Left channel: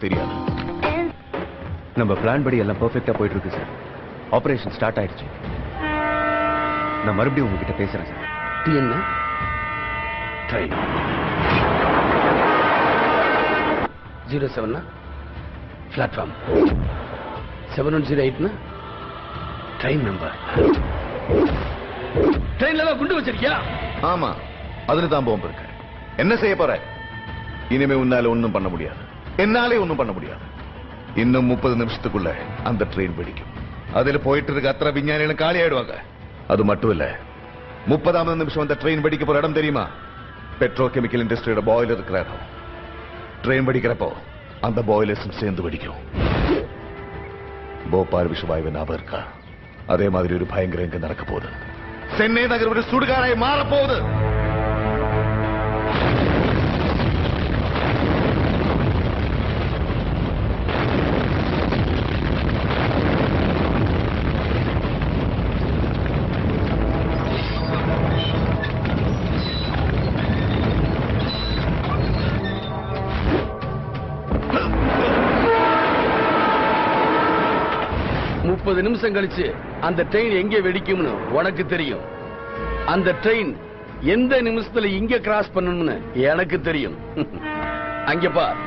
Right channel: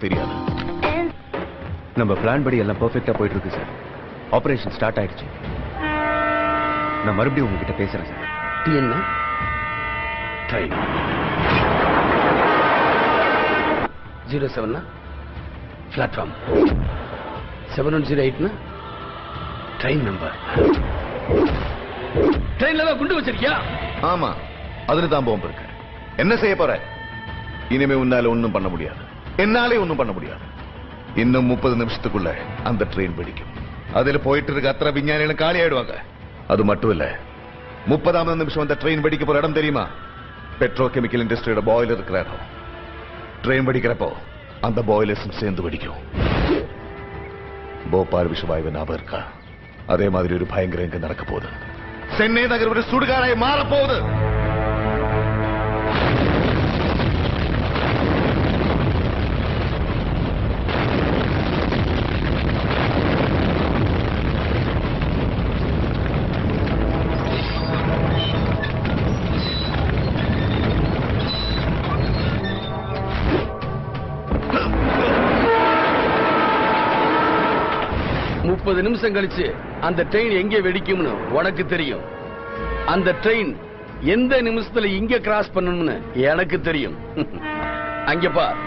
எனக்கு தெரியாது. நம்ம பிளான் படி எல்லாம் பெர்ஃபெக்ட்டா போயிட்டு இருக்கு சார். ஆபரேஷன் ஸ்டார்ட் ஆயிடுச்சு. நான் மறுபடியும் உங்ககிட்ட பேசுறேன் சார். என்ன ட்ரெயின் 07 பிளாட்ஃபார்ம் 7108 ட்ரெயின் நம்பர். ட்ரெயின்ல தான் குண்டு வச்சிருக்கியா? ஆமா, அதுல தான் பாம்பு இருக்கு. என்ன செய்ய போற? இனிமே உன்னால ஒண்ணும் பண்ண முடியாது. என்னாலே ஒண்ணும் பண்ண முடியாது. இன்னும் 30 நிமிஷத்துக்குள்ள அந்த ட்ரெயின் வெடிக்கும். அதுல போயிட்டு இருக்க அத்தனை விஞ்ஞானிகளும் காலி ஆயிடுவாங்க. அது மட்டும் இல்ல, 30ஆவது நிமிஷம் அந்த ட்ரெயின் வெடிக்க போற இடம் தெரியுமா? பெட்ரோ கெமிக்கல் இண்டஸ்ட்ரியோட பாய்லர் இருக்கிற இடம். ட்ரெயின் வெடிக்கிறப்போ அந்த பாய்லர்ஸும் சேர்ந்து வெடிக்கும். போபால் விஷவாயு ஞாபகம் இருக்கா? அதே மாதிரி ஒரு பயங்கரம் இங்க நடக்க போகுது. சென்னை நகர் ஒரு சுடுகாடாய் மாறப்போகுது. நிமிஷம் கழிச்சு அந்த ட்ரெயின் எங்கே வெடிக்கும்னு உனக்கு தெரியும். அந்த ட்ரெயின் எந்த நிமிஷத்துல இங்க கிராஸ் பண்ணணும்னு எனக்கு தெரியும். அங்க பார்.